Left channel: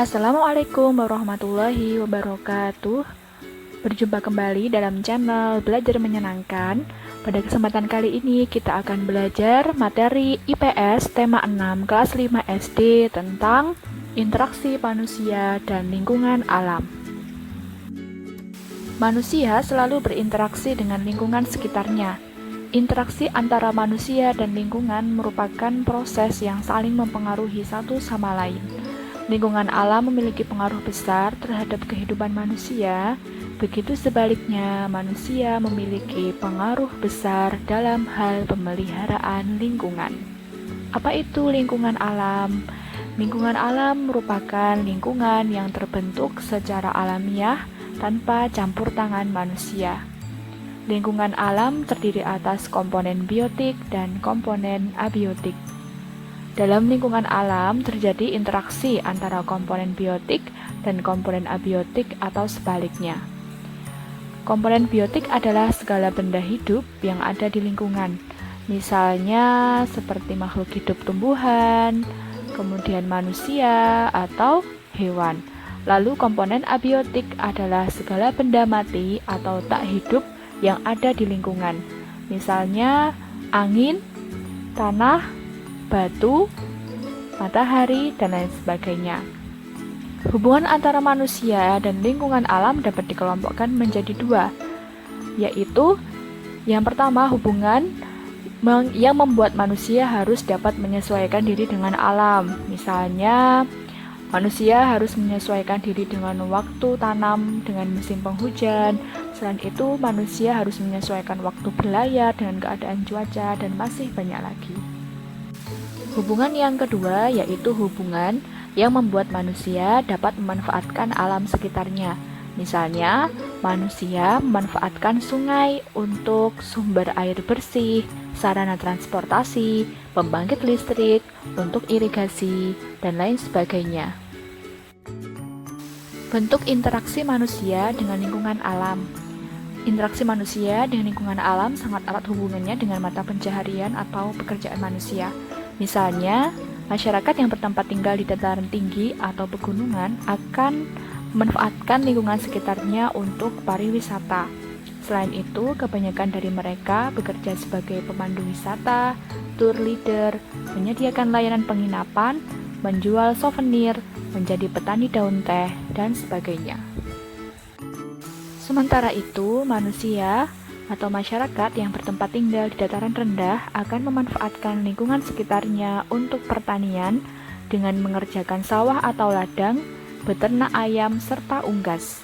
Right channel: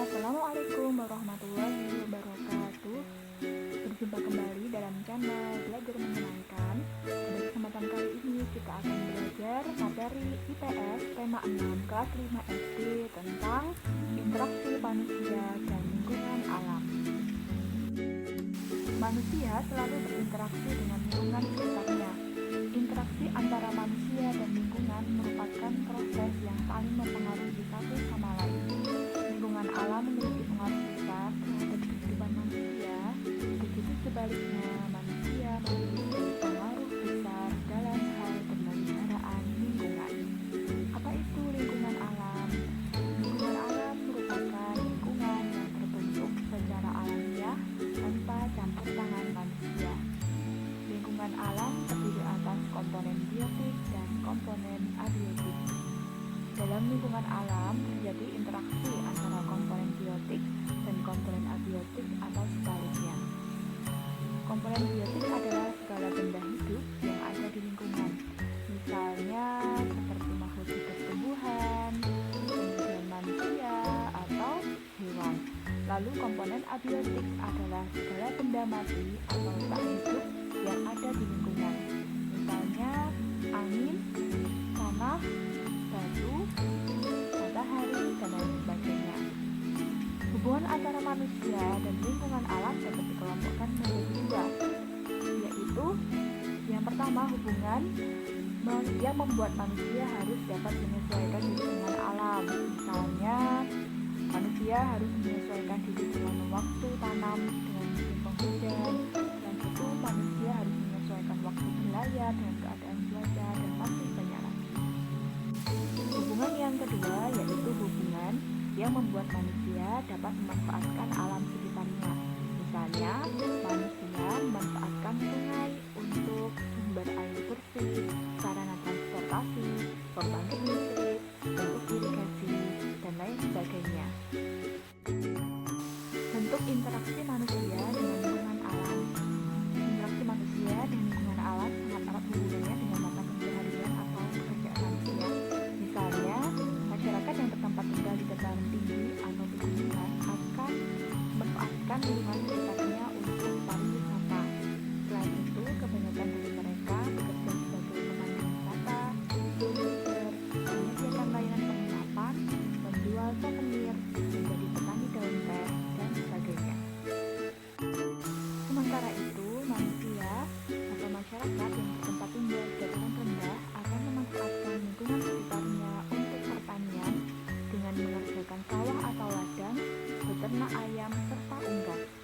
Assalamualaikum warahmatullahi wabarakatuh. Berjumpa kembali dalam channel Belajar Menyenangkan. Pada kesempatan kali ini kita akan belajar materi IPS tema 6 kelas 5 SD tentang interaksi manusia dan lingkungan alam. Manusia selalu berinteraksi dengan lingkungan sekitarnya. Interaksi antara manusia dan lingkungan merupakan proses yang saling mempengaruhi satu sama lain. Lingkungan alam memiliki pengaruh besar terhadap kehidupan manusia, begitu sebaliknya manusia memiliki pengaruh besar dalam hal pemeliharaan lingkungan. Apa itu lingkungan alam? Lingkungan alam merupakan lingkungan yang terbentuk secara alamiah tanpa campur tangan manusia. Lingkungan alam terdiri atas komponen biotik dan komponen abiotik. Dalam lingkungan alam terjadi interaksi antara komponen biotik dan komponen abiotik atau sebaliknya. Komponen biotik adalah segala benda hidup yang ada di lingkungan, misalnya seperti makhluk hidup tumbuhan, kemudian manusia atau hewan. Lalu komponen abiotik adalah segala benda mati atau tak hidup yang ada di lingkungan, misalnya angin, tanah, batu, matahari, dan lain sebagainya. Hubungan antara manusia dan lingkungan alam dapat dikelompokkan menjadi dua, yaitu yang pertama hubungan yang membuat manusia harus dapat menyesuaikan diri dengan alam. Misalnya, manusia harus menyesuaikan diri dengan waktu tanam, dengan musim penghujan. Selain itu, manusia harus menyesuaikan waktu berlayar dengan keadaan cuaca, dan masih banyak lagi. Hubungan yang kedua yaitu hubungan yang membuat manusia dapat memanfaatkan alam sekitarnya. Misalnya, manusia memanfaatkan sungai untuk sumber air bersih, sarana transportasi, pembangkit listrik, untuk irigasi, dan lain sebagainya. Bentuk interaksi manusia dengan lingkungan alam. Interaksi manusia dengan lingkungan alam sangat erat hubungannya dengan mata pencaharian atau pekerjaan manusia. Misalnya, masyarakat yang bertempat tinggal di dataran tinggi atau pegunungan akan memanfaatkan lingkungan sekitarnya untuk pariwisata. Selain itu, kebanyakan dari mereka bekerja sebagai pemandu wisata, tour leader, menyediakan layanan penginapan, menjual souvenir, menjadi petani daun teh, dan sebagainya. Sementara itu, manusia atau masyarakat yang bertempat tinggal di dataran rendah akan memanfaatkan lingkungan sekitarnya untuk pertanian dengan mengerjakan sawah atau ladang, beternak ayam, serta unggas.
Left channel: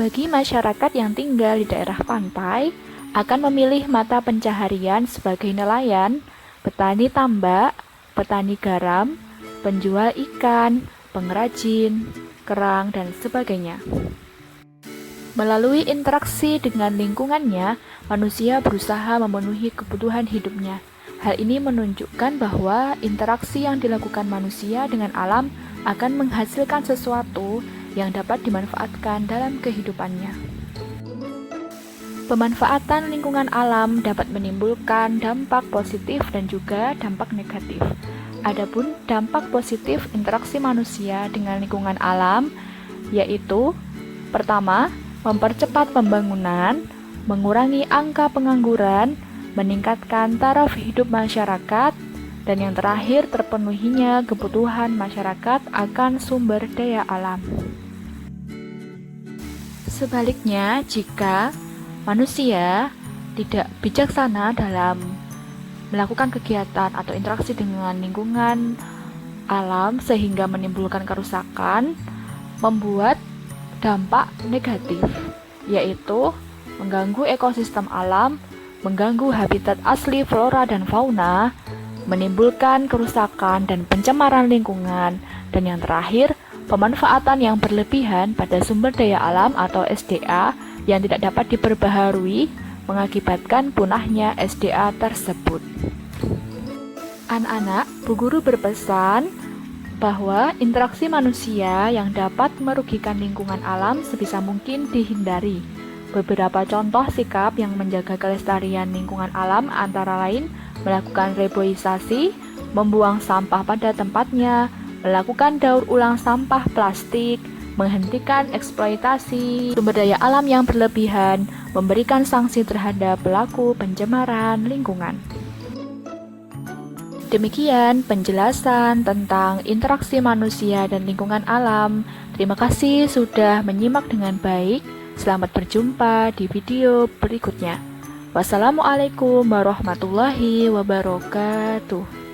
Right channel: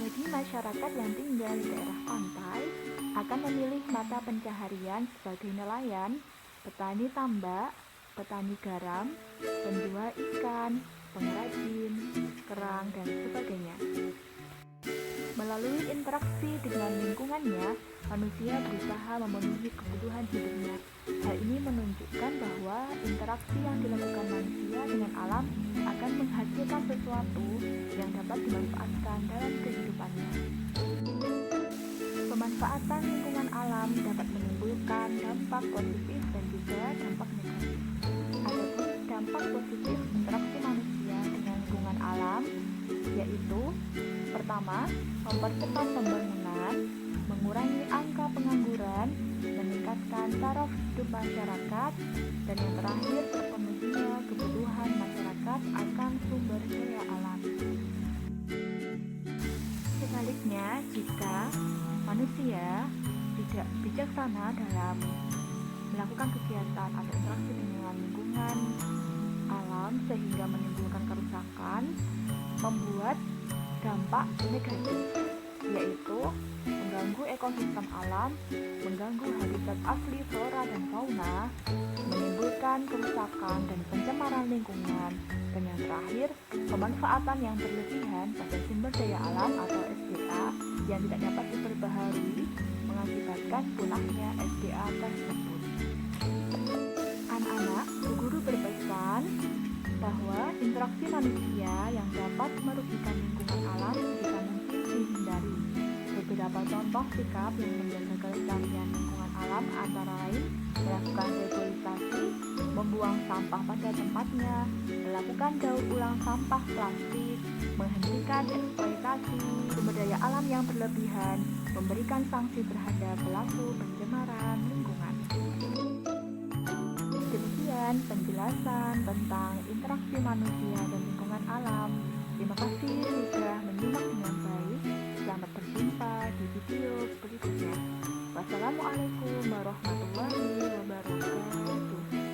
Bagi masyarakat yang tinggal di daerah pantai, akan memilih mata pencaharian sebagai nelayan, petani tambak, petani garam, penjual ikan, pengrajin, kerang, dan sebagainya. Melalui interaksi dengan lingkungannya, manusia berusaha memenuhi kebutuhan hidupnya. Hal ini menunjukkan bahwa interaksi yang dilakukan manusia dengan alam akan menghasilkan sesuatu yang dapat dimanfaatkan dalam kehidupannya. Pemanfaatan lingkungan alam dapat menimbulkan dampak positif dan juga dampak negatif. Adapun dampak positif interaksi manusia dengan lingkungan alam yaitu pertama, mempercepat pembangunan, mengurangi angka pengangguran, meningkatkan taraf hidup masyarakat, dan yang terakhir terpenuhinya kebutuhan masyarakat akan sumber daya alam. Sebaliknya, jika manusia tidak bijaksana dalam melakukan kegiatan atau interaksi dengan lingkungan alam sehingga menimbulkan kerusakan, membuat dampak negatif, yaitu mengganggu ekosistem alam, mengganggu habitat asli flora dan fauna, menimbulkan kerusakan dan pencemaran lingkungan, dan yang terakhir, pemanfaatan yang berlebihan pada sumber daya alam atau SDA yang tidak dapat diperbaharui mengakibatkan punahnya SDA tersebut. Anak-anak, Bu Guru berpesan bahwa interaksi manusia yang dapat merugikan lingkungan alam sebisa mungkin dihindari. Beberapa contoh sikap yang menjaga kelestarian lingkungan alam antara lain melakukan reboisasi, membuang sampah pada tempatnya, melakukan daur ulang sampah plastik, menghentikan eksploitasi sumber daya alam yang berlebihan, memberikan sanksi terhadap pelaku pencemaran lingkungan. Demikian penjelasan tentang interaksi manusia dan lingkungan alam. Terima kasih sudah menyimak dengan baik. Selamat berjumpa di video berikutnya. Wassalamualaikum warahmatullahi wabarakatuh.